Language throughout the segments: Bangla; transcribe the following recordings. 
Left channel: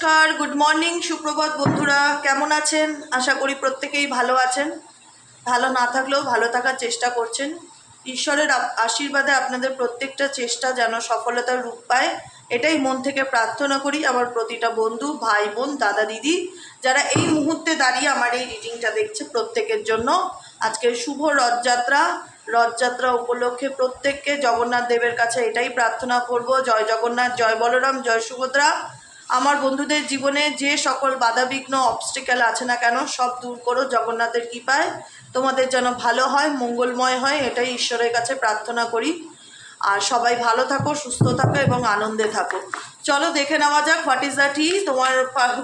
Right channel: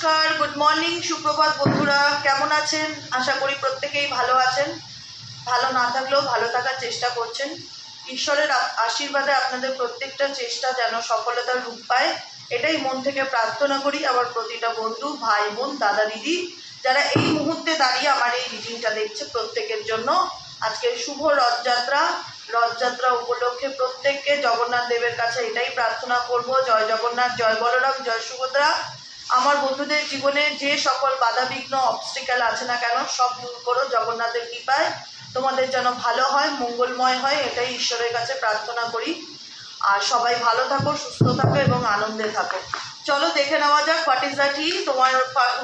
নমস্কার, গুড মর্নিং, সুপ্রভাত বন্ধুরা। কেমন আছেন? আশা করি প্রত্যেকেই ভালো আছেন। ভালো না থাকলেও ভালো থাকার চেষ্টা করছেন। ঈশ্বরের আশীর্বাদে আপনাদের প্রত্যেকটা চেষ্টা যেন সফলতার রূপ পায়, এটাই মন থেকে প্রার্থনা করি। আমার প্রতিটা বন্ধু, ভাই বোন, দাদা দিদি যারা এই মুহূর্তে দাঁড়িয়ে আমার এই রিডিংটা দেখছে, প্রত্যেকের জন্য আজকের শুভ রথযাত্রা। রথযাত্রা উপলক্ষে প্রত্যেককে জগন্নাথ দেবের কাছে এটাই প্রার্থনা করব, জয় জগন্নাথ, জয় বলরাম, জয় সুভদ্রা। আমার বন্ধুদের জীবনে যে সকল বাধাবিঘ্ন অবস্টিক্যাল আছে না কেন, সব দূর করো জগন্নাথের কৃপায়। তোমাদের যেন ভালো হয়, মঙ্গলময় হয়, এটাই ঈশ্বরের কাছে প্রার্থনা করি। আর সবাই ভালো থাকো, সুস্থ থাকো এবং আনন্দে থাকো। চলো দেখে নেওয়া যাক what is the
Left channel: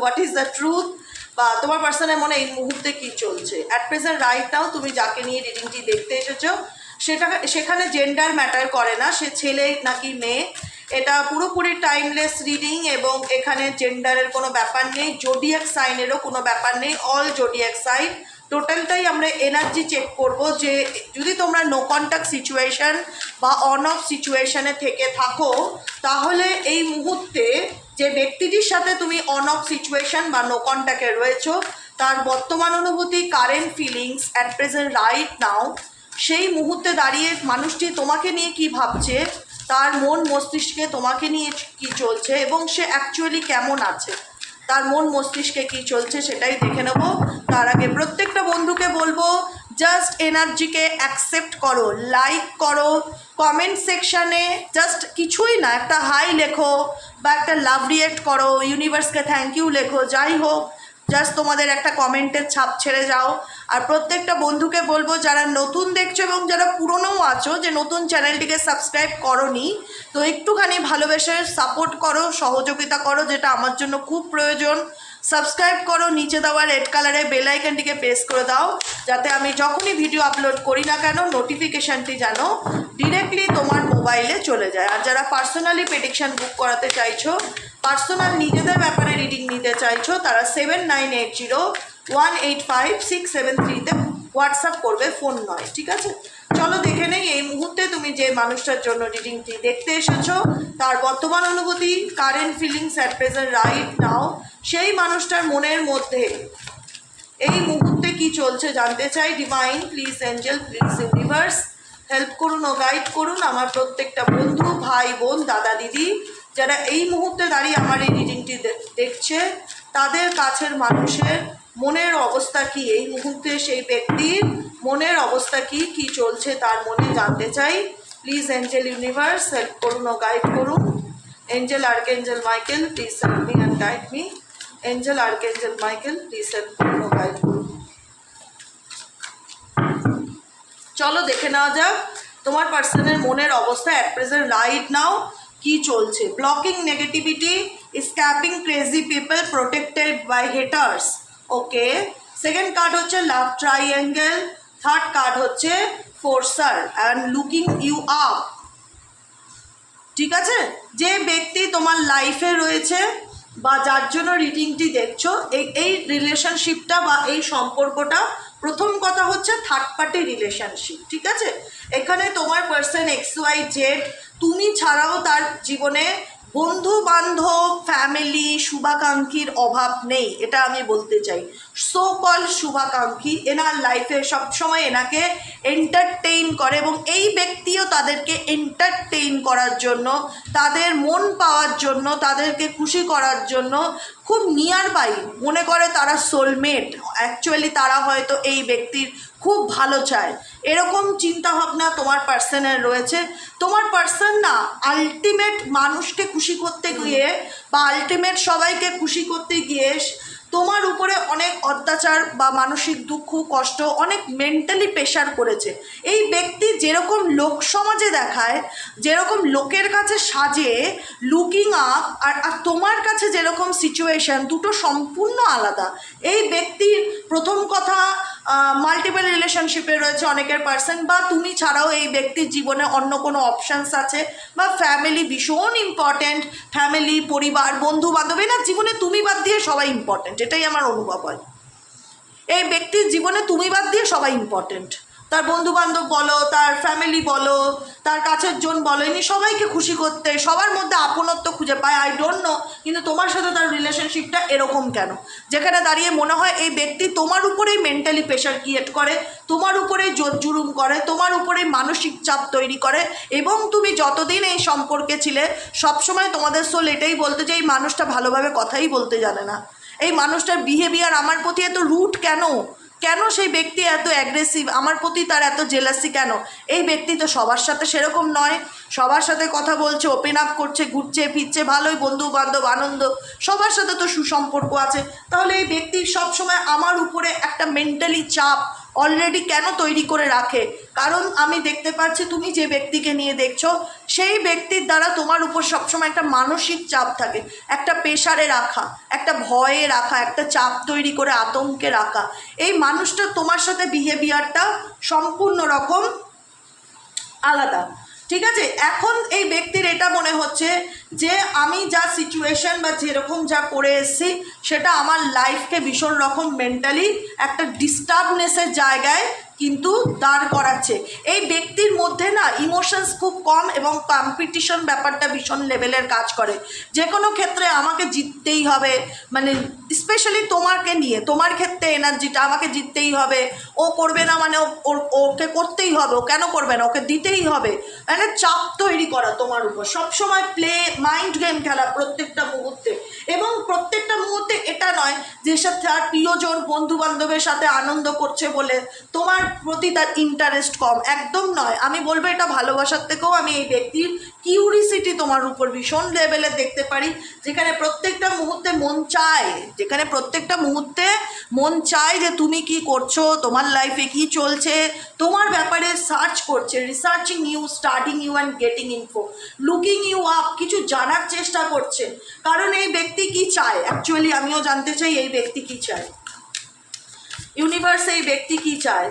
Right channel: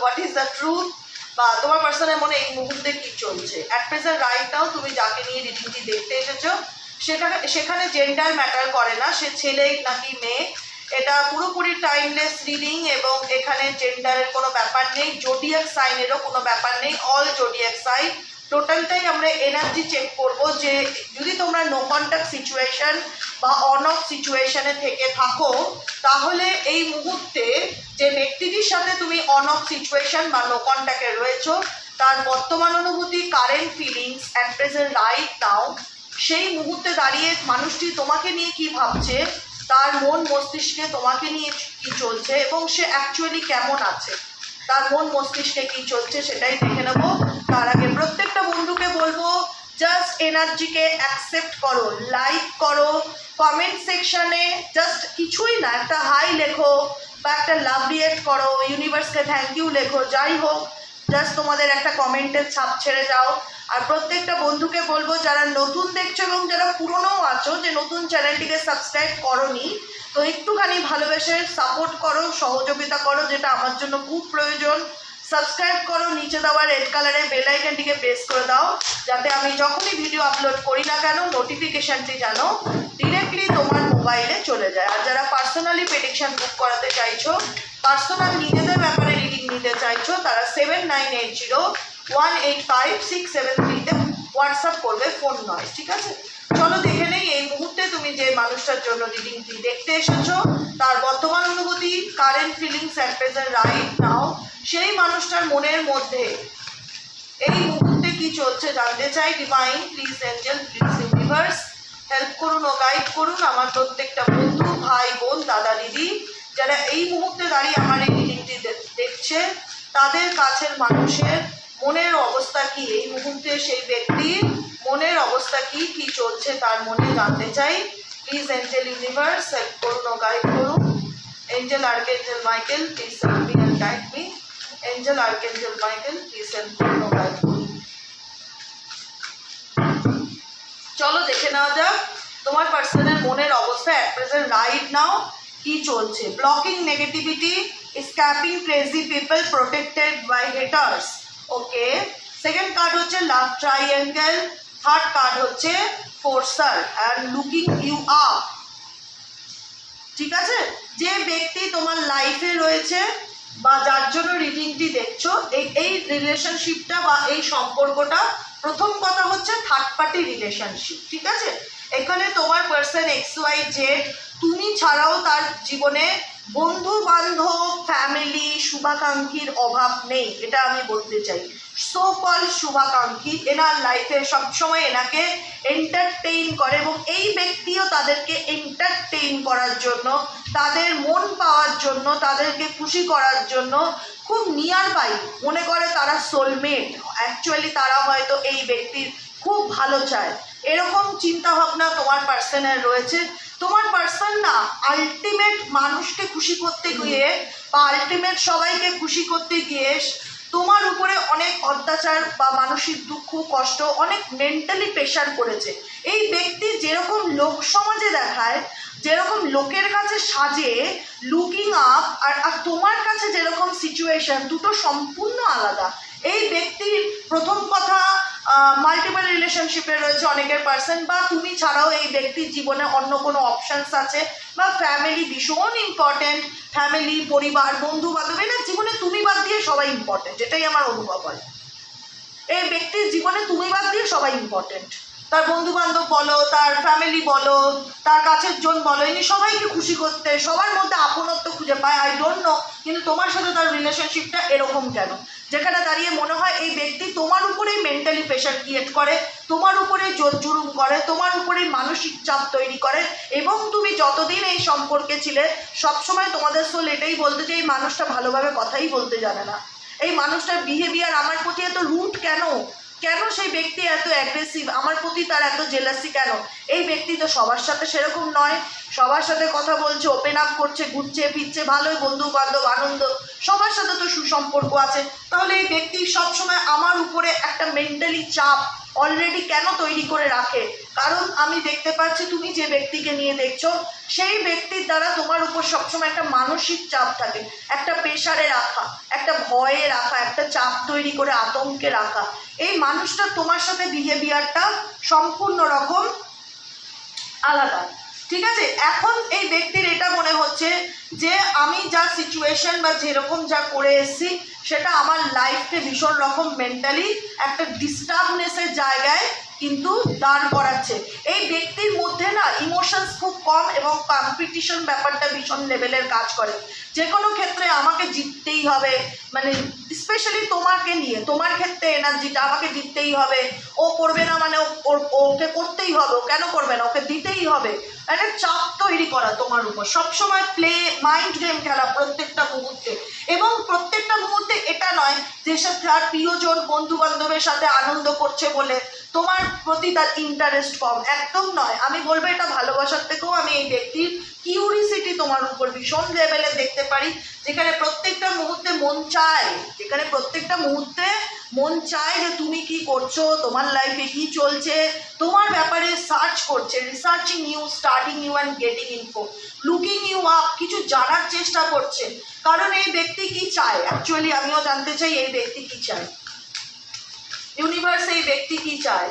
what is the truth, বা তোমার পার্সনের মনে এই মুহূর্তে কি চলছে অ্যাট প্রেজেন্ট রাইট নাও। তুমি যাকে নিয়ে রিডিংটি দেখতে এসেছো সেখানে জেন্ডার ম্যাটার করে না, সে ছেলে নাকি মেয়ে। এটা পুরোপুরি টাইমলেস রিডিং এবং এখানে জেন্ডারের কোনো ব্যাপার নেই, জোডিয়াক সাইনেরও কোনো ব্যাপার নেই। অল জোডিয়াক সাইন টোটালটাই আমরা এনার্জি চেক করব, যে যদি তোমরা নো কন্ট্যাক্ট সিচুয়েশান বা অন অফ সিচুয়েশানে থেকে থাকো, তাহলে এই মুহূর্তে যে ব্যক্তিটির সাথে তুমি অন অফ সিচুয়েশান বা নো কন্ট্যাক্টে রয়েছো, তার বর্তমান অনুভূতি, current feelings at present right now, সেই মুহূর্তে দাঁড়িয়ে মানুষটি তোমাকে নিয়ে কি ভাবছে, তার মন মস্তিষ্কে তোমাকে নিয়ে কি চলছে এবং সে অ্যাকচুয়ালি কেমন আছে, তার মন মস্তিষ্কে কি চলছে সেটাই দেখে নেব। তার আগে প্রত্যেকটা বন্ধুকে বলবো, জাস্ট এনার্জিকে অ্যাকসেপ্ট করো, লাইক করো, কমেন্ট সেকশানে জাস্ট কিছুই না, একটা হাই লেখো বা একটা লাভ রিয়েক্ট করো, ইউনিভার্সকে থ্যাংক ইউ লেখো, যাই হোক, জাস্ট তোমাদের একটা কমেন্টের ছাপ ছেড়ে যাও। আর প্রত্যেকটা বন্ধুকে বলবো, যারা নতুন দেখছো এবং যারা পুরনোও আছো, যে নতুন চ্যানেলটিকে সাবস্ক্রাইব করোনি, তো একটুখানি ভালোবেসে সাপোর্ট করো, সহযোগিতা করো, যেটা আমার জন্য খুব প্রয়োজন। সাবস্ক্রাইব করো, নিচে দেওয়া রেড কালারের বেল আইকনটিকে প্রেস করে দাও, যাতে আমি যখনই ভিডিও আপলোড করি না কেন নোটিফিকেশানটি যেন ডিরেক্টলি তোমার মোবাইলে চলে যায়। আর যারা পার্সোনালি প্রেডিকশান বুক করাতে চাইছো, পার্সোনাল নিজেদের ব্যাপারে রিডিং নিতে চাইছো, তারা 7980185673-তে হোয়াটসঅ্যাপ করবে, ফোন নয়, ঠিক আছে? চলো দেখে নেই এই মুহূর্তে তুমি যে মানুষটার জন্য রিডিংটি দেখতে এসেছো, তার বর্তমান অনুভূতি, current feelings at present right now, সেই মানুষটার মনের মধ্যে এই মুহূর্তে কি চলছে জানতে চাই। Divine please, Angel please, universe help করুন ও গাইড করুন আমার প্রত্যেকটা বন্ধু, ভাই বোন, দাদা দিদি যারা এই মুহূর্তে দাঁড়িয়ে আমার এই রিডিংটি দেখছে, তাদের কাছের মানুষের মনের অবস্থা কি, এই মুহূর্তে সেই ব্যক্তির মনের অবস্থা কি, কি চলছে তার মনে জানতে চাই। প্লিজ এঞ্জেল ইউনিভার্স হেল্প করুন ও গাইড করুন। Angel archangel Michael please help me and guide me. Angel archangel Michael please help করুন ও গাইড করুন। চলো দেখে নেওয়া যাক তোমার পার্সনের মনের অবস্থা অ্যাট প্রেজেন্ট রাইট নাও কি চলছে। Blocking negativity, escaping crazy people, protected by haters. Okay, second card হচ্ছে লাভ ট্রাইঅ্যাঙ্গেল, থার্ড কার্ড হচ্ছে ফোর্সার অ্যান্ড লুকিং ইউ আপ। ঠিক আছে, যে ব্যক্তি তোমার লাইফে রয়েছে বা যার জন্য রিডিংটি দেখছো, এই রিলেশনশিপটা বা এই সম্পর্কটা, প্রথম কথা হচ্ছে থার্ড পার্টি রিলেশনশিপ। ঠিক আছে, এখানে তোমার পার্সন XYZ, তুমি ছাড়াও তার জীবনে বন্ধু বান্ধব, ফ্যামিলি, শুভাকাঙ্ক্ষীর অভাব নেই, এটা আমি বলতে চাই। সো কল শুভাকাঙ্ক্ষী এনার লাইফে সবসময় এনাকে এন্টারটেইন করে এবং এই ব্যক্তিও তাদেরকে এন্টারটেইন করার জন্য, তাদের মন পাওয়ার জন্য, তাদেরকে খুশি করার জন্য খুব নিয়ার বাই মনে করে, তারা সোলমেট। অ্যাকচুয়ালি তারা হয়তো এই ব্যক্তির খুব ভালো চায়, এরকম চিন্তাভাবনা তোমার পার্সনের রয়েছে। তোমার পার্সন না আলটিমেট মানুষকে খুশি করতে গিয়ে বা আলটিমেট সবাইকে খুশি করতে গিয়ে তোমার উপরে অনেক অত্যাচার বা মানসিক দুঃখ, কষ্ট, অনেক মেন্টালি প্রেশার করেছে। এই ব্যক্তি যেরকম লোক সমাজে দেখায়, যেরকম লোকের কাছে সাজে, লুকিং আপ, আর তোমার কাছে যেরকম সিচুয়েশন, দুটো সম্পূর্ণ আলাদা। এই ব্যক্তির প্রথম কথা মাল্টিপল রিলেশনশিপে রয়েছে অনেকের পার্সন, বা তুমি ছাড়াও এই ব্যক্তির জীবনে অন্য কোনো অপশানস আছে, বা ফ্যামিলি ভীষণ ইম্পর্ট্যান্ট, ফ্যামিলি, পরিবার, বন্ধু বান্ধব, না জীবনে তুমি বাদ দিয়ে সবাই ইম্পর্ট্যান্ট, এটাই আমার অনুভব হয়। এই ব্যক্তির জীবনে তুমি বাদ দিয়ে সবাই ইম্পর্ট্যান্ট। তার বন্ধু বান্ধব বলো, তার ফ্যামিলি বলো, তার কাছের জন বলো, ইনি সবাইকে খুশি করতে, সবার মধ্যে আপনত্ব খুঁজে পায়, আই ডোন্ট নো। কিন্তু তোমার সাথে তার রিলেশনশিপটা এরকম কেন, যেখানে দাঁড়িয়ে মনে হয় এই ব্যক্তি তোমার উপরেই মেন্টালি প্রেশার ক্রিয়েট করে, তোমার উপরেই জোর জুলুম করে, তোমার উপরেই মানসিক চাপ তৈরি করে। এবং তুমি যতদিন এই সম্পর্কে ছিলে সবসময় তোমাদের সোল এটাই বলতে যে এই মানুষটা ভালোভাবে কথাই বলতে জানে না, এই মানুষটার বিহেভিয়ার আমার প্রতি এত রুট কেন, কেন সেই ব্যক্তি এত অ্যাগ্রেসিভ, আমার প্রতি তার এত জেলাসি কেন। এই ব্যক্তি তো সবার সাথে সেরকম নয়, সবার সাথে কথা বলছে, ওপেন আপ করছে, ঘুরছে ফিরছে, ভালোই বন্ধু বান্ধব আনন্দ, সবার সাথে তো সুসম্পর্ক আছে। তাহলে এই ব্যক্তি সবসময় আমার উপরে একটা মেন্টালি চাপ অলরেডি কেন তৈরি করে রাখে? কারণ আমি দেখতে পাচ্ছি তুমি যে ব্যক্তিকে নিয়ে দেখছো সেই ব্যক্তির দ্বারা তোমার উপর সবসময় একটা মানসিক চাপ থাকে, একটা প্রেশারে রাখা, একটা ভয়ে রাখা, একটা চাপ তৈরি করে আতঙ্কে রাখা। এই মানুষটা তোমার সাথে বিহেভিয়ারটা সম্পূর্ণ রকম আলাদা, ঠিক আছে? এখন এই ব্যক্তির এটা মনে হচ্ছে যে আমি যা সিচুয়েশন বা যেরকম যা করে এসেছি সেটা আমার লাইফকে ভীষণ রকম মেন্টালি একটা ডিস্টার্বনেসের জায়গায় কিন্তু দাঁড় করাচ্ছে। এই ব্যক্তির মধ্যে না ইমোশনস খুব কম এবং কম্পিটিশন ব্যাপারটা ভীষণ লেভেলের কাজ করে। যে কোনো ক্ষেত্রে আমাকে জিততেই হবে, মানে স্পেশালি তোমাকে নিয়ে, তোমার ক্ষেত্রে এনার্জিটা আমাকে জিততেই হবে, ও করবে না মানে ওকে করতেই হবে, ও কেন করবে না, ওকে দিতেই হবে, একটা চাপ তৈরি করা তোমার উপর, সবসময় প্লে মাইন্ড গেম খেলা প্রত্যেকটা মুহূর্তে। এবং প্রত্যেকটা মুহূর্তে এটা নয় যে সাথে আর প্রিয়জন বন্ধু বান্ধবের সাথে আনন্দ করছে বলে তোমার প্রতি তার ইন্টারেস্ট কম, একদম নয়। আমি বলবো এটা ভালোবাসার থেকেও আমি এই ব্যক্তির কিউরিসিটি তোমার উপর ভীষণ লেভেলে দেখতে পারি, যেখানে প্রত্যেকটা মুহূর্তে মন চায়, যেখানে প্রত্যেকটা মুহূর্তে মন চায় যে তুমি কি করছো, তোমার লাইফে কি চলছে, তোমার ব্যাপারে সার্চ করছে, researching you, studying you and getting info, looking you up, কিছু জানার চেষ্টা করছে। কারণ এই ব্যক্তি কি চায় অ্যাকচুয়ালি আমিও জানতে চাই, এই ব্যক্তি কি চায়, ইউনিভার্স এই ব্যক্তি কি চায়,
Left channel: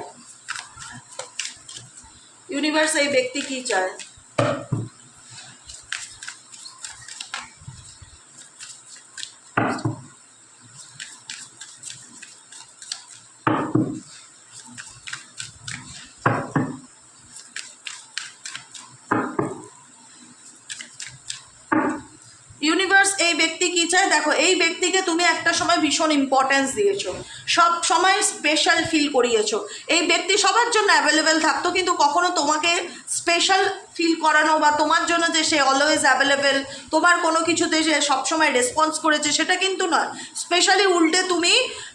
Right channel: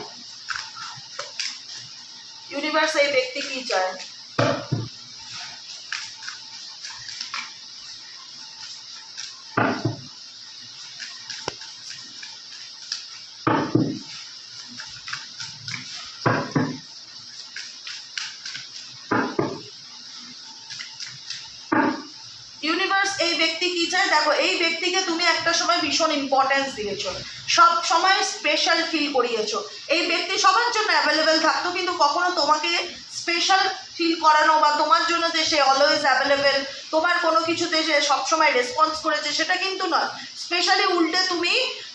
ইউনিভার্স এই ব্যক্তি কি চায়। ইউনিভার্স এই ব্যক্তি কি চায়, দেখো এই ব্যক্তিকে তুমি একটা সময় ভীষণ ইম্পর্টেন্স দিয়েছো, সব সময় স্পেশাল ফিল করিয়েছো, এই ব্যক্তি সবার জন্য অ্যাভেলেবেল থাকতো, কিন্তু কখনো তোমাকে স্পেশাল ফিল করানো বা তোমার জন্য যে সে অলওয়েজ অ্যাভেলেবেল, তোমার কোনো কিছুতে যে সবসময় রেসপন্স করেছে সেটা কিন্তু নয়। স্পেশালি উল্টে তুমি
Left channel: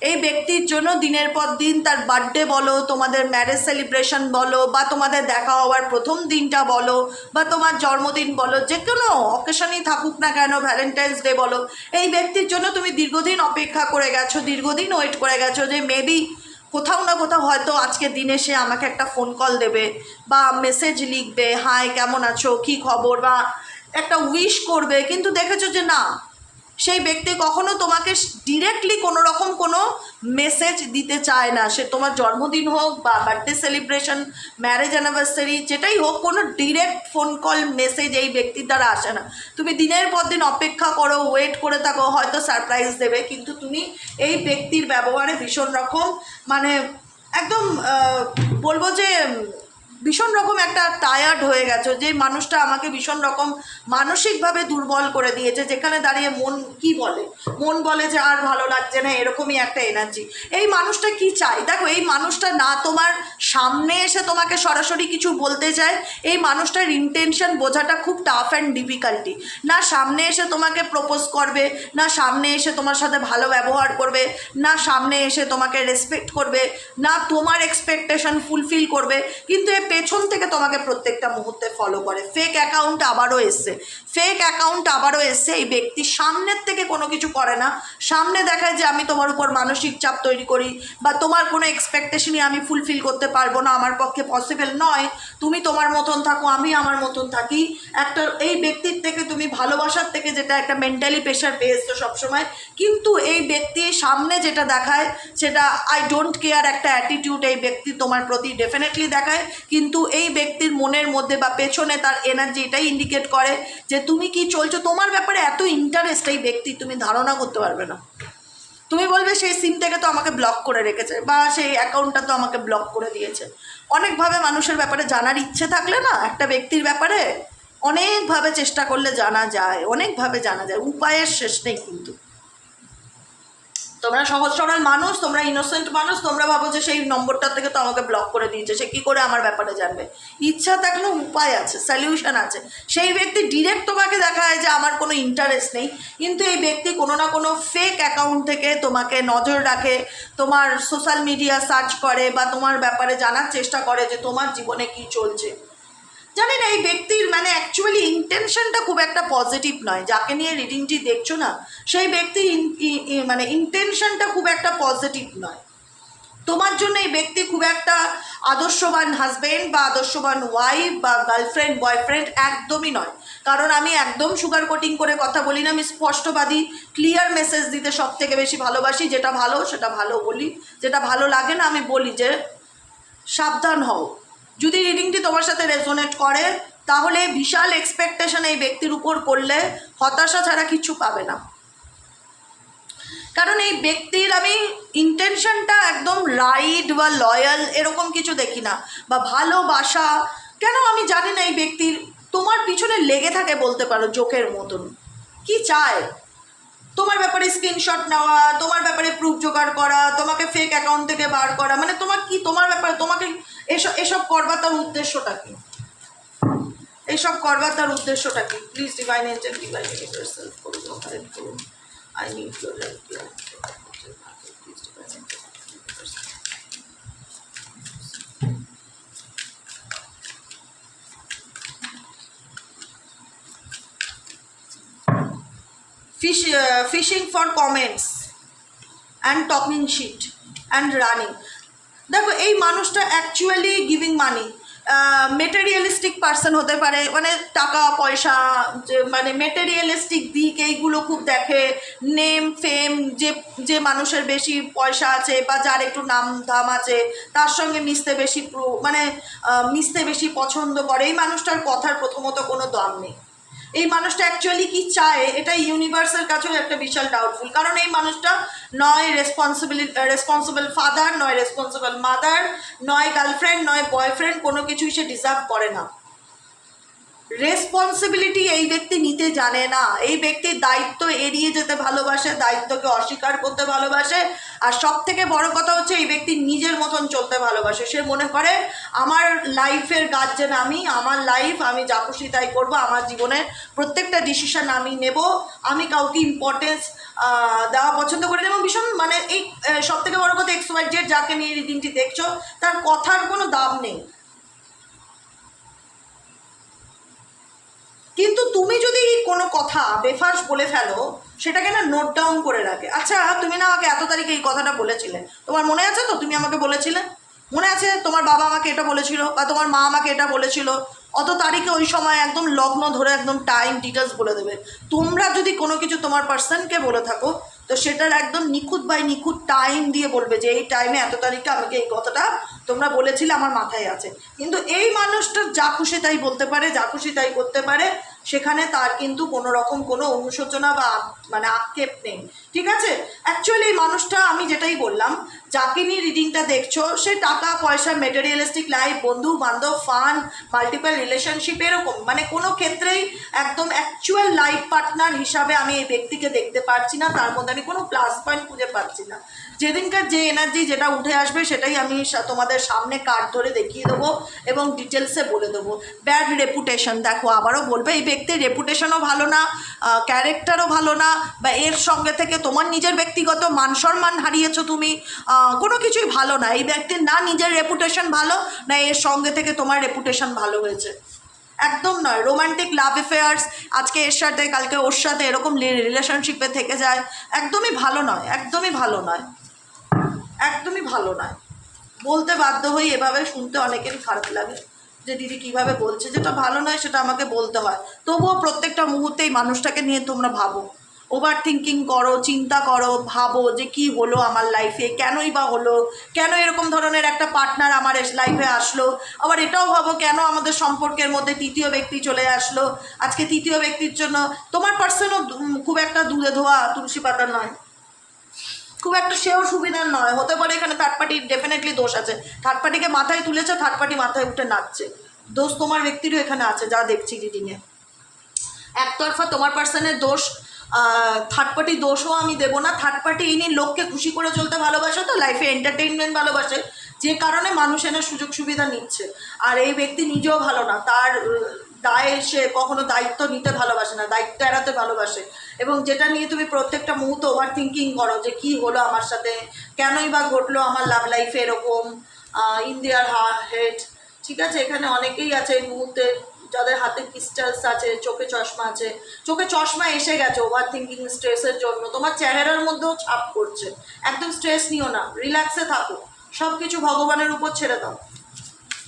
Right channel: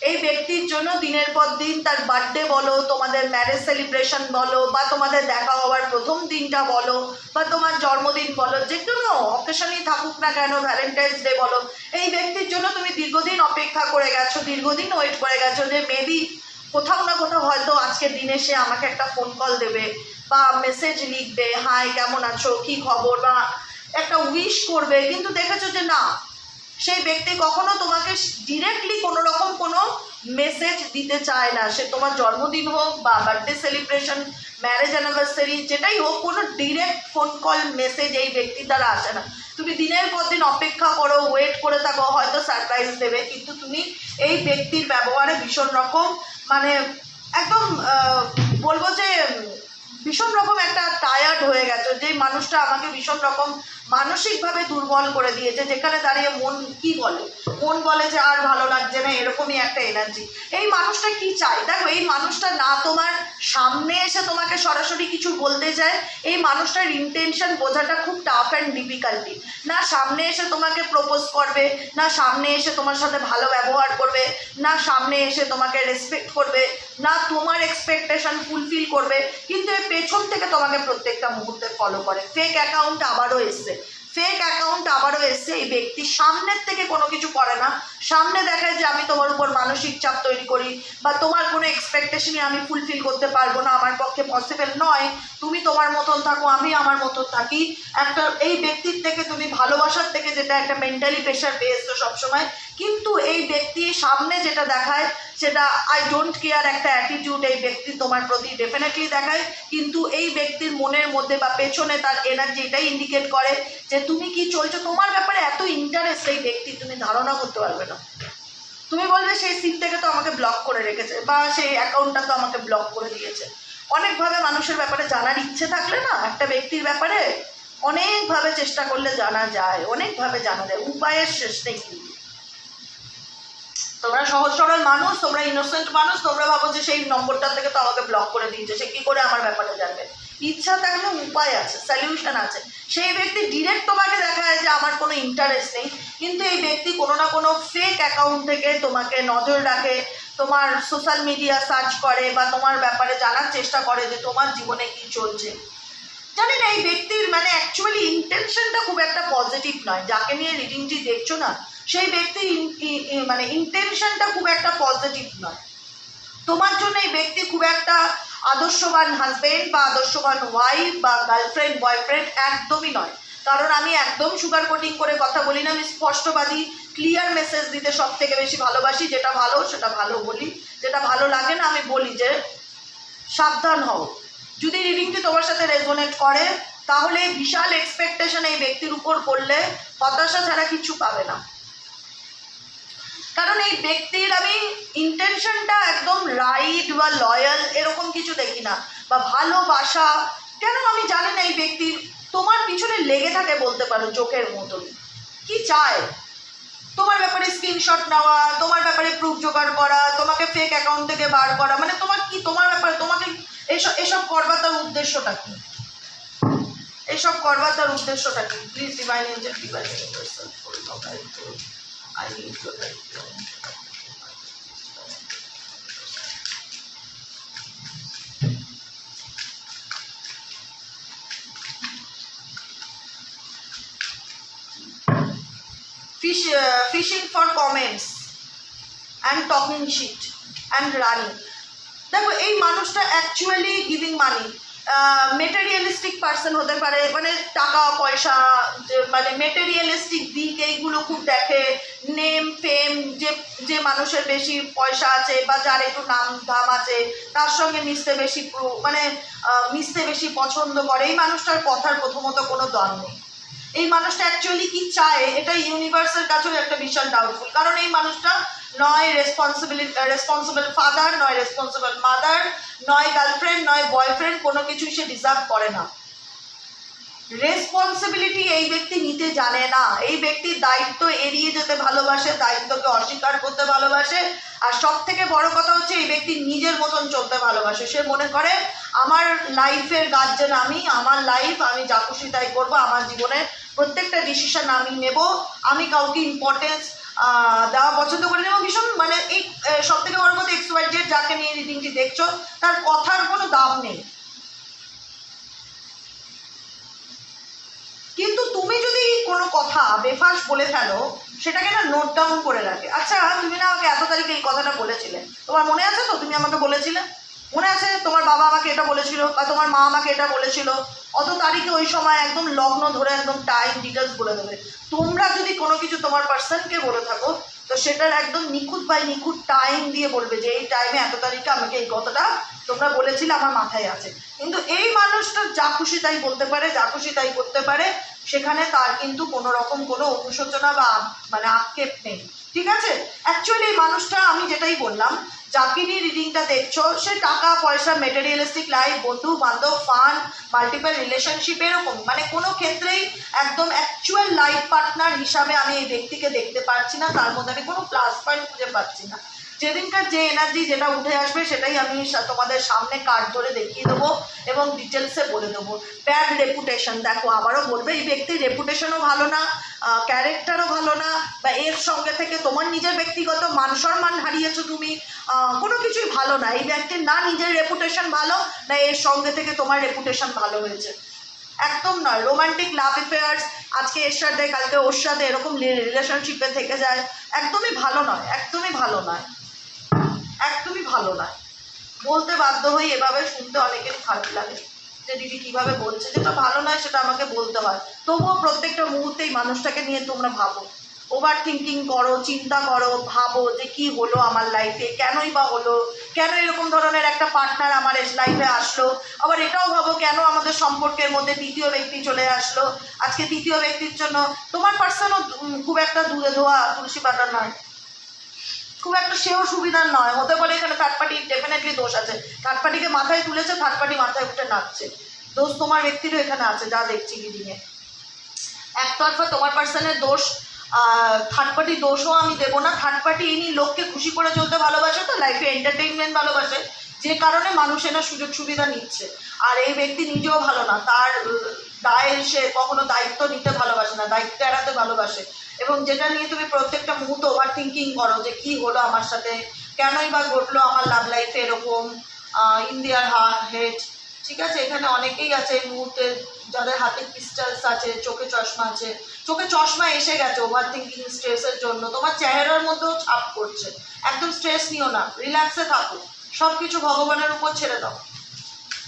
এই ব্যক্তির জন্য দিনের পর দিন তার বার্থডে বলো, তোমাদের ম্যারেজ সেলিব্রেশন বলো, বা তোমাদের দেখা হওয়ার প্রথম দিনটা বলো, বা তোমার জন্মদিন বলো, যে কোনো অকেশনই থাকুক না কেন, ভ্যালেন্টাইন্স ডে বলো, এই ব্যক্তির জন্য তুমি দীর্ঘদিন অপেক্ষা করে গেছো, দীর্ঘদিন ওয়েট করে গেছো যে মেবি কোথাও না কোথাও হয়তো আজকের দিনে সে আমাকে একটা ফোন কল দেবে বা মেসেজ লিখবে, হাই কেমন আছো, কী খবর, বা একটা উইশ করবে। কিন্তু দেখেছো যে না, সেই ব্যক্তি কখনো তোমাকে ডিরেক্টলি কোনো রকম কোনো মেসেজ দিতে চায় না, সে তোমার জন্মদিন হোক বা বার্থডে সেলিব্রেশন, ম্যারেজ অ্যানিভার্সারি, যেটাই হোক, কোনো ডিরেক্ট ফোন কল মেসেজ এই ব্যক্তির দ্বারা আসে না। তুমি দিনের পর দিন অপেক্ষা করো, ওয়েট করে থাকো, হয়তো সারপ্রাইজ দেবে, কিন্তু তুমি এই ব্যক্তির ব্যবহারে ভীষণ রকম মানে একদম বলবো যে ভীষণ রকম একটা টায়ার্ড হয়ে গেছো, যে মানুষটা আমাকে ভীষণ রকম মানসিকভাবে দুর্বল করে দিয়েছে, যেখানে দাঁড়িয়ে মন কি বলে, মন বলে যে আর ভালো লাগছে না, এরকমই একটা এনার্জি। এই মানুষটা কি চায়, দেখো এই মানুষটা না তোমার সামনে এসে তোমাকে সরাসরি কিছু বলতে চায়, এই মানুষটার ইন্টেনশন বোঝাটা খুব টাফ অ্যান্ড ডিফিকাল্টি। না সামনে এসে তোমাকে প্রপোজ করবে, না সামনে এসে তোমার সাথে ভালো ব্যবহার করবে, না সামনে এসে তোমাকে রেসপেক্ট করবে, না তোমার এক্সপেকটেশন ফুলফিল করবে, কিন্তু পেছন থেকে তোমাকে প্রত্যেকটা মুহূর্তে ফলো করে। ফেক অ্যাকাউন্ট আবারও এসছে, ফেক অ্যাকাউন্ট আবারও এসছে। এই ব্যক্তি সামনের থেকে কোনো কিছু করে না, সামনে দেখায় যে আমি তোমার উপর মানসিক চাপ তৈরি করি, বা তোমার কোনো এক্সপেকটেশনই আমি ফুলফিল করতে পারবো না, আমার পক্ষে পসিবল নয়, তুমি তোমার মতন থাকো, আমি আমার মতন থাকি। একটা এই ব্যক্তির থেকে তুমি ভালোবাসার থেকে যেটা একটা মেন্টালি প্রেশার পেয়ে এসছো সবসময়, কিন্তু এই ব্যক্তি সামনে যেটা দেখায় সেটা আই ডোন্ট কেয়ার একটা অ্যাটিটিউড এই ব্যক্তি তোমার প্রতি ডেফিনেটলি দেখায়, কিন্তু এই ব্যক্তির মনের মধ্যে বা পেছনে তার এনার্জি এটাই ইন্ডিকেট করে যে তুমি কি চলছো, তোমার ব্যাপারে এত ইন্টারেস্ট এই ব্যক্তি তুমি ধারণা করতে পারবে না। তুমি বলবে সেই সিম থেকে তো আমাকে ব্লক করে রেখেছে, বা সেই অ্যাকাউন্টটা তো আমাকে ব্লক করে দিয়েছে, অনেকভাবে মানুষের ব্যাপারে জানার ইচ্ছে থাকলে না, একটা ব্যক্তির ব্যাপারে অনেকভাবে চেষ্টা করলে জানা যায়, অনেকভাবে জানা যায়, উপায়ের শেষ নেই। কিন্তু তোমরা সহজ সরল মানুষ, তোমরা ইনোসেন্ট মানুষ, তোমরা ভাবো যে সেই নম্বরটা থেকে তো আমাকে ব্লক করে দিয়েছে, সে কী করে আমার ব্যাপারে জানবে। ইচ্ছা থাকলে উপায় আছে, সলিউশন আছে। সেই ব্যক্তি ডিরেক্ট তোমাকে দেখায় যে আমার কোনো ইন্টারেস্ট নেই, কিন্তু এই ব্যক্তি কোনো না কোনো ফেক অ্যাকাউন্ট থেকে তোমাকে নজর রাখে, তোমার সোশ্যাল মিডিয়া সার্চ করে বা তোমার ব্যাপারে জানার চেষ্টা করে যে তোমার জীবনে কি চলছে। জানেন এই ব্যক্তির মানে অ্যাকচুয়ালি ইন্টেনশনটা খুব একটা পজিটিভ নয়। যাকে নিয়ে রিডিংটি দেখছো না, সেই ব্যক্তির মানে ইন্টেনশনটা খুব একটা পজিটিভ নয়। তোমার জন্য এই ব্যক্তি খুব একটা আদর্শবান হাজবেন্ড বা আদর্শবান ওয়াইফ বা গার্লফ্রেন্ড বয়ফ্রেন্ড একদমই নয়। কারণ আমি একদম সুগার কোটিং করে কথা বলি না, আমি স্পষ্টবাদী ক্লিয়ার মেসেজ দিতে সব থেকে বেশি ভালোবাসি। যেটা ভালো সেটা ভালো বলি, যেটা ভালো লাগে না আমি বলি যে সাবধান হও। যদি রিডিংটি তোমার সাথে রেজোনেট করে তাহলে বিশাল এক্সপেকটেশন এই ব্যক্তির উপর করলে হতাশা ছাড়া কিছু পাবে না। কারণ এই ব্যক্তির আমি ইন্টেনশনটা একদম রাইট বা লয়াল এরকম কিছু দেখি না, বা ভালোবাসা কেন আমি জানি না। এই ব্যক্তির তোমার পিছনে লেগে থাকে বলতে পারো চোখের মতন। কি চায় তোমার ব্যাপারে স্ক্রিনশট নেওয়া, তোমার ব্যাপারে প্রুফ জোগাড় করা, তোমাকে ফেক অ্যাকাউন্ট থেকে বার করা, মানে তোমার কি তোমার ব্যাপারে তোমাকে এসব করবার তার উদ্দেশ্যটা কি? এইসব করবার তার উদ্দেশ্যটা কি? Please divine Angel divine universal করুন, গাইড করুন। I need your help here. Fishing for comments and talking shit and running. দেখো এই মানুষটা অ্যাকচুয়ালি গিভিং মানি, মেটেরিয়ালিস্টিক পার্সন হতে পারে, মানে টাকা পয়সা যে মানে মেটেরিয়ালিস্টিক দিক এইগুলো খুব দেখে। নেম ফেম, যে মানুষের বেশি পয়সা আছে বা যার একটু নাম ধাম আছে তার সঙ্গে মিশতে বেশি মিশতে বেশি পছন্দ করে। এই মানুষটার কথার প্রথমত কোনো দাম নেই। এই মানুষটা অ্যাকচুয়ালি কি চায় এটা ইউনিভার্সের কাছেও একটা বিশাল ডাউটফুল। কারণ এই মানুষটা নয় রেসপন্সিবল ফাদার, নয় রেসপন্সিবল মাদার, নয় গার্লফ্রেন্ড, নয় বয়ফ্রেন্ড, কোনো কিছুই সে ডিজার্ভ করে না। রেসপন্সিবিলিটি এই ব্যক্তি নিতে জানে না। এই ব্যক্তি দায়িত্ব এড়িয়ে যেতে ভালোবাসে, দায়িত্বকে অস্বীকার করতে ভালোবাসে। আর সব থেকে বড় কথা হচ্ছে এই ব্যক্তি নিজের মতন চলতে ভালোবাসে। সে মনে করে আমার লাইফের গার্জেন আমি, আমার লাইফ আমি যা খুশি তাই করবো, আমার জীবনের প্রত্যেকটা ডিসিশন আমি নেব, আমি কাউকে ইম্পর্টেন্স দেওয়া পছন্দ করি না। এবং ভীষণ মানে এই সব থেকে বড় কথা XYZ যাকে নিয়ে রিডিংটি দেখছো তার কথার কোনো দাম নেই। কিন্তু তুমি যদি কোনো কথা বেফাস বলে ফেলো সেটাকে না নোট ডাউন করে রাখে। আচ্ছা তুমি না আমাকে এত তারিখে এই কথাটা বলেছিলে, তোমার মনে আছে তো? তুমি আমাকে বলেছিলে, মনে আছে? তোমার বাবা আমাকে এটা বলেছিল বা তোমার মা আমাকে এটা বলেছিল, অত তারিখে ওই সময় একদম লগ্ন ধরে একদম টাইম ডিটেলস বলে দেবে। তোমরা যদি কোনো কিছু তোমার পার্সনকে বলে থাকো তো সেটার একদম নিখুঁত বাই নিখুঁত টাইম দিয়ে বলবে যে এই টাইমে এত তারিখে আমাকে এই কথাটা তোমরা বলেছিলে, আমার মাথায় আছে। কিন্তু এই মানুষটা যা খুশি তাই বলতে পারে, যা খুশি তাই করতে পারে, সেখানে তার কিন্তু কোনো রকম কোনো অনুশোচনা বা মানে আক্ষেপ নেই। ঠিক আছে? অ্যাকচুয়ালি এই মানুষটা আমি যেটাই বললাম, যাকে নিয়ে রিডিংটা দেখছো সে টাকা পয়সা, মেটেরিয়ালিস্টিক লাইফ, বন্ধু বান্ধব, ফান, মাল্টিপল রিলেশনশিপ, এরকম মানে কোনো ক্ষেত্রেই একদম অ্যাকচুয়াল লাইফ পার্টনার হিসাবে আমি এই ব্যক্তিকে দেখতে পারছি না। তার মধ্যে আমি কোনো প্লাস পয়েন্ট খুঁজে পাচ্ছি না। যেদিনকার যে এনার্জি যেটা উঠে আসবে সেটাই আমি তোমাদের সামনে কার্ড ধরে দেখিয়ে দেবো এবং ডিটেলসে বলে দেবো। ব্যাড রেপুটেশন, দেখো আবারও বলবে এই ব্যক্তির রেপুটেশনও ভালো না, ক্যারেক্টারও ভালো না, বা এর সঙ্গে থেকে তোমার নিজের ব্যক্তিগত মান সম্মান হারিয়েছো তুমি, কোনো কিছুই ভালো না। এই ব্যক্তির না নিজের রেপুটেশন ভালো, না এর সঙ্গে থেকে তোমার রেপুটেশন ভালো হয়েছে, একদম নয়। রোমান্টিক লাভ অ্যাফেয়ার্স, আজকে এর সাথে কালকে ওর সাথে এরকম রিলেশনশিপে থেকে যায়, একদমই ভালো নয়, একদমই ভালো নয়, একদমই ভালো নয়। বলতে বাধ্য হই, এভাবে শুনতে অনেকেরই খারাপ লাগে যে দিদি কীভাবে বলছে, যেটা ভালো নয় সেটা আমাকে বলতে হয়। তবুও প্রত্যেকটা মুহূর্তেই মানুষটাকে নিয়ে তোমরা ভাবো, ওভার থিঙ্কিং করো, চিন্তা করো, ভাবো যে কি হলো আমার লাইফে, কেনই বা হলো, কেন এরকম ধরনের একটা পার্টনার আমার লাইফে আসলো। আবার এটাও ভাবো কেন আমাদের সম্পর্কের মধ্যে তৃতীয় ব্যক্তি চলে আসলো। আজকে তৃতীয় ব্যক্তির জন্য তোমার পার্সনও খুব একটা দুধে ধোয়া তুলসী পাতা নয়। খুব একটা সেও সুবিধার নয়, হতে পারে এখানে থার্ড পার্টির ডেফিনেটলি দোষ আছে, থার্ড পার্টিকে মাথায় তুলেছে, থার্ড পার্টি মাথায় উঠে নাচছে, দোষ তোমার ব্যক্তিরও এখানে আছে যা দেখছি রিডিংয়ে। একতরফা তোমার পার্সনের দোষ, থার্ড পার্টি দোষও আমি দেবো না। থার্ড পার্টি ইনি লোককে খুশি করে চলতে ভালোবাসে, তো লাইফে এন্টারটেইনমেন্ট ভালোবাসে, যে কারণে মানুষ এনার সুযোগ সুবিধা নিচ্ছে। আর এই ব্যক্তি নিজেও ভালো না, তার দায়ে সে কখনো দায়িত্ব নিতে ভালোবাসে না, দায়িত্ব এড়াতে ভালোবাসে, এবং যেটা নিয়ে তুমি প্রত্যেকটা মুহূর্তে ওভার থিঙ্কিং করো যে কী হলো আমার সাথে, কেনই বা ঘটলো আমার লাভ লাইফে এরকম, ইন্ডিয়ার হেড। ঠিক আছে, এখানে অনেকেই আছে এই মুহূর্তে যাদের হাতে ক্রিস্টালস আছে, চোখে চশমা আছে, চোখে চশমা এসে গেছে ওভার থিঙ্কিং স্ট্রেসের জন্য, তোমার চেহারার মধ্যেও ছাপ পড়ছে। একদম স্ট্রেস নিও না, রিল্যাক্সে থাকো, সব কিছু ভগবানের উপর ছেড়ে দাও,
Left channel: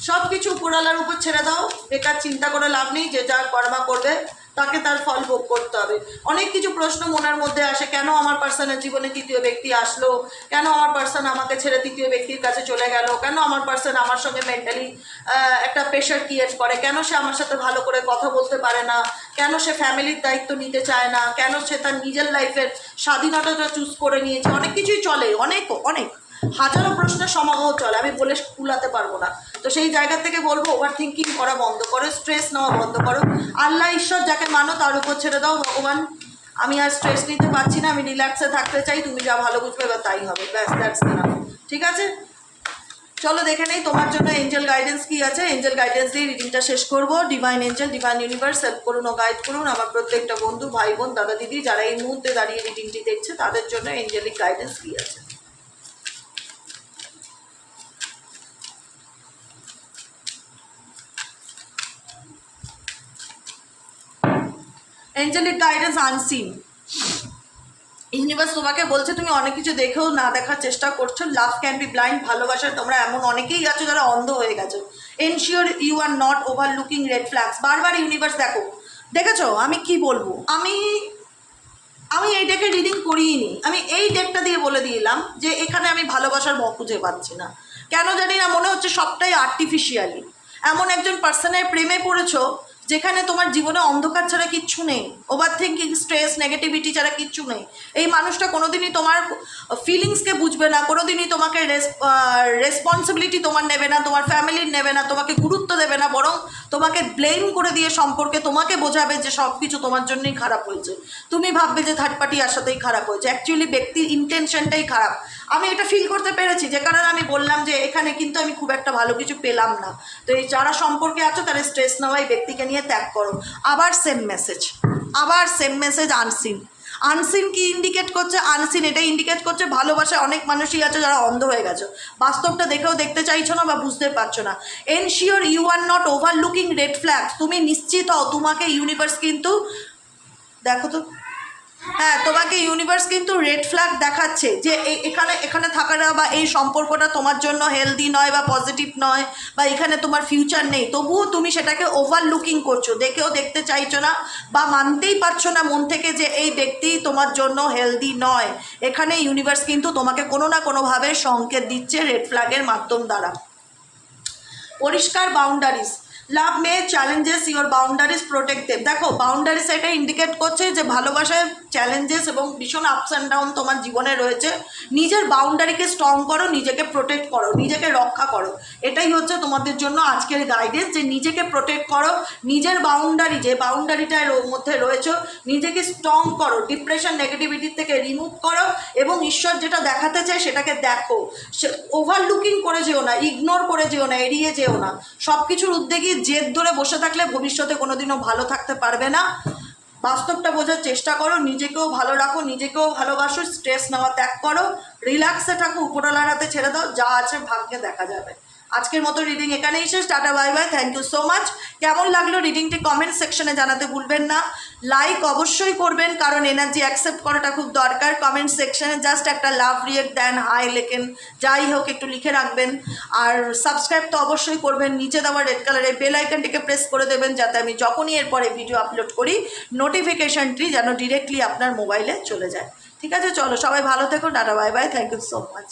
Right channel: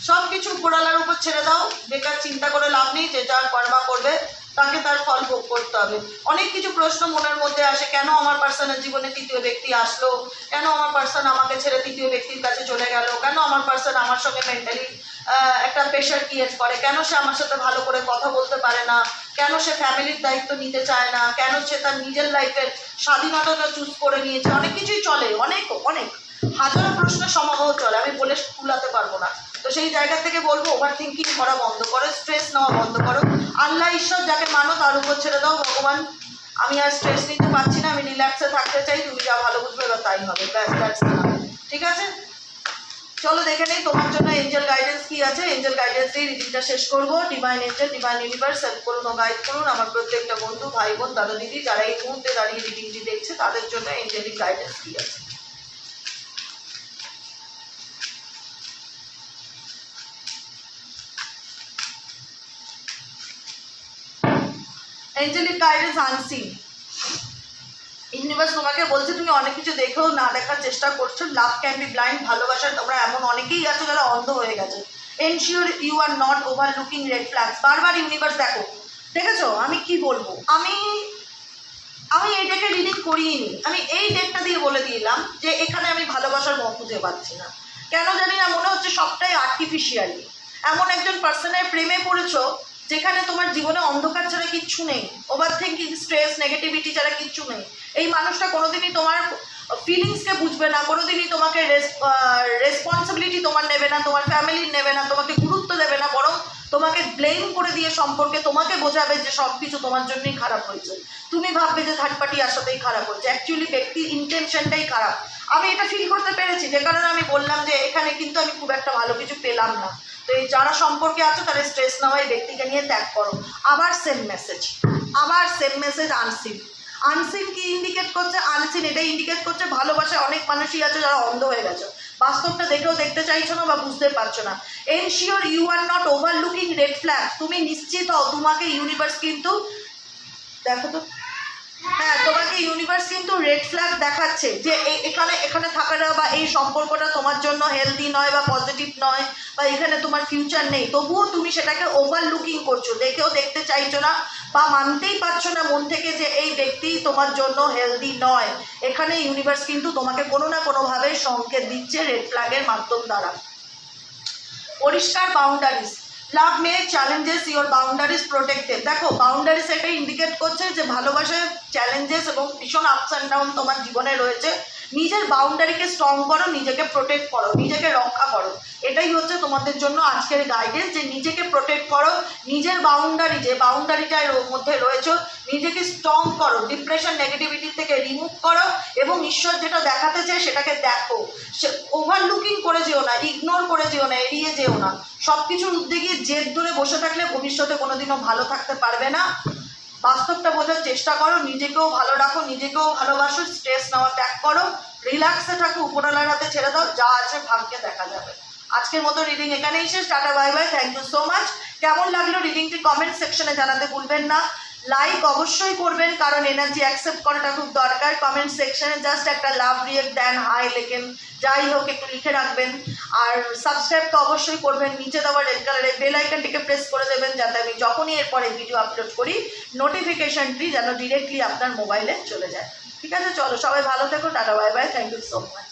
সব কিছু উপরওয়ালার উপর ছেড়ে দাও, বেকার চিন্তা করে লাভ নেই, যে যার কর্মা করবে তাকে তার ফল ভোগ করতে হবে। অনেক কিছু প্রশ্ন মনের মধ্যে আসে, কেন আমার পার্সনের জীবনে তৃতীয় ব্যক্তি আসলো, কেন আমার পার্সন আমাকে ছেড়ে তৃতীয় ব্যক্তির কাছে চলে গেল, কেন আমার পার্সন আমার সঙ্গে মেন্টালি একটা প্রেশার ক্রিয়েট করে, কেন সে আমার সাথে ভালো করে কথা বলতে পারে না, কেন সে ফ্যামিলির দায়িত্ব নিতে চায় না, কেন সে তার নিজের লাইফের স্বাধীনতাটা চুজ করে নিয়েছে, অনেক কিছুই চলে, অনেক অনেক হাজারো প্রশ্নের সমাগম চলে, আমি বলে কুলাতে পারবো না। তো সেই জায়গা থেকে বলবো ওভার থিঙ্কিং করা বন্ধ করো, স্ট্রেস নেওয়া বন্ধ করো, আল্লাহ ঈশ্বর যাকে মানো তার উপর ছেড়ে দাও, ভগবান আমি আর স্ট্রেস নিতে পারছি না, আমি রিল্যাক্সে থাকতে চাই, তুমি যা ভালো বুঝবে এবার তাই হবে, ব্যাস দ্যাটস না। ঠিক আছে, চলো দেখে নেই তোমার জন্য এঞ্জেল গাইডেন্স কি আছে। এঞ্জেল গাইডেন্স দিয়ে রিডিংটা শেষ করবো। Divine Angel, divine universe help করুন ও গাইড করুন আমার প্রত্যেকটা বন্ধু, ভাই বোন, দাদা দিদি যারা এই মুহূর্তে দাঁড়িয়ে রিডিংটি দেখছে তাদের জন্য এঞ্জেলিক গাইডেন্স কি আছে। Angelic guidance unseen. ইউনিভার্স তোমাকে বলছে তুমি অনেক কিছু দেখেও না দেখার চেষ্টা করছো। লাভ ক্যান বি ব্লাইন্ড, ভালোবাসার তোমরা এমন অনেকেই আছো যারা অন্ধ হয়ে গেছো। Ensure you are not overlooking red flags. বারবার ইউনিভার্স দেখো, দেখেছো আমি কি বলবো, আমি এই ডেকে রিডিং করিনি, আমি এই ডেকটা দিয়ে বলে দিলাম যে এখানে আমি ভালোবাসার মুখ খুঁজে পাচ্ছি না, কেন জানি না, মনে হচ্ছে সবটাই আর্টিফিশিয়ালি। এমন একজন পার্সনের প্রেমে পড়েছো যেখানে তোমার জীবনে অন্ধকার ছাড়া কিচ্ছু নেই, ওভার থিঙ্কিং, স্ট্রেস, নেগেটিভিটি ছাড়া কিচ্ছু নেই। এই মানুষটা কোনোদিনই তোমার ফিলিংসকে বুঝবে না, কোনোদিনই তোমাকে রেসপন্সিবিলিটি তোমার নেবে না, তোমার ফ্যামিলির নেবে না, তোমাকে গুরুত্ব দেবে না, বরং তোমাকে ব্লেম করে দিয়ে সম্পর্কে তোমাকে বোঝাবে যে সব কিছু তোমার জন্যই খারাপ হয়েছে। তুমি ভাববে যে থার্ড পার্টি আসাতেই খারাপ হয়েছে, অ্যাকচুয়ালি ব্যক্তির ইন্টেনশনটাই খারাপ। আমি এটা ফিল করতে পেরেছি, যে কারণে আমি বললাম যে এখানে কিন্তু আমি খুব একটা ভালো কিছু পেলাম না। তো এই যারা সম্পর্কে আছো তারা স্ট্রেস নেওয়া এই ব্যক্তিকে নিয়ে ত্যাগ করো। আবার সেম মেসেজ, আবার সেম মেসেজ আনসিন। আনসিন কি ইন্ডিকেট করছে? আনসিন এটা ইন্ডিকেট করছে ভালোবাসায় অনেক মানুষই আছে যারা অন্ধ হয়ে গেছো, বাস্তবটা দেখেও দেখতে চাইছো না বা বুঝতে পারছো না। Ensure you are not overlooking red flags. তুমি নিশ্চিত হও তোমাকে ইউনিভার্স কিন্তু, দেখো তো, হ্যাঁ তোমাকে ইউনিভার্স কিন্তু রেড ফ্ল্যাগ দেখাচ্ছে যে এখানে থাকাটা বা এই সম্পর্কটা তোমার জন্য হেলদি নয় বা পজিটিভ নয়, বা এখানে তোমার ফিউচার নেই, তবুও তুমি সেটাকে ওভার লুকিং করছো, দেখেও দেখতে চাইছো না বা মানতেই পারছো না মন থেকে যে এই ব্যক্তি তোমার জন্য হেলদি নয়। এখানে ইউনিভার্স কিন্তু তোমাকে কোনো না কোনোভাবে সংকেত দিচ্ছে রেড ফ্ল্যাগের মাধ্যম দ্বারা। পরিষ্কার boundaries, love May challenges your boundaries protected. দেখো বাউন্ডারিজ এটা ইন্ডিকেট করছে যে ভালোবাসায় চ্যালেঞ্জেস এবং ভীষণ আপস অ্যান্ড ডাউন তোমার জীবনে রয়েছে। নিজের বাউন্ডারিকে স্ট্রং করো, নিজেকে প্রোটেক্ট করো, নিজেকে রক্ষা করো, এটাই হচ্ছে তোমাদের জন্য আজকের গাইডেন্স, যে নিজেকে প্রোটেক্ট করো, নিজের বাউন্ডারি যে বাউন্ডারিটার মধ্যে রয়েছে নিজেকে স্ট্রং করো, ডিপ্রেশন নেগেটিভিটি থেকে রিমুভ করো, এবং ঈশ্বর যেটা দেখাতে চায় সেটাকে দেখো। ওভারলুকিং করে যেও না, ইগনোর করে যেও না, এড়িয়ে যেও না। সব কিছুর উদ্যোগে জেদ ধরে বসে থাকলে ভবিষ্যতে কোনোদিনও ভালো থাকতে পারবে না। বাস্তবটা বোঝার চেষ্টা করো, নিজেকেও ভালো রাখো, নিজেকেও ভালোবাসো, স্ট্রেস নেওয়া ত্যাগ করো, রিল্যাক্সে থাকো, উপরওয়ালার হাতে ছেড়ে দাও, যা আছে ভাগ্যে দেখা যাবে। আজকের মতো রিডিং এখানেই শেষ। Tata, bye bye, thank you so much. কেমন লাগলো রিডিংটি কমেন্ট সেকশনে জানাতে ভুলবেন না। লাইক অবশ্যই করবেন, কারণ এনার্জি অ্যাকসেপ্ট করাটা খুব দরকার। কমেন্ট সেকশনে জাস্ট একটা লাভ রিয়েক্ট দেন, হাই লেখেন, যাই হোক একটু লিখে রাখবেন। আর সাবস্ক্রাইব তো অবশ্যই করবেন, নিচে দেওয়া রেড কালারের বেল আইকনটিকে প্রেস করে দেবেন, যাতে আমি যখনই এরপরে ভিডিও আপলোড করি নোটিফিকেশনটি যেন ডিরেক্টলি আপনার মোবাইলে চলে যায়। ঠিক আছে, চলো সবাই ভালো থেকো, tata, bye bye, thank you so much.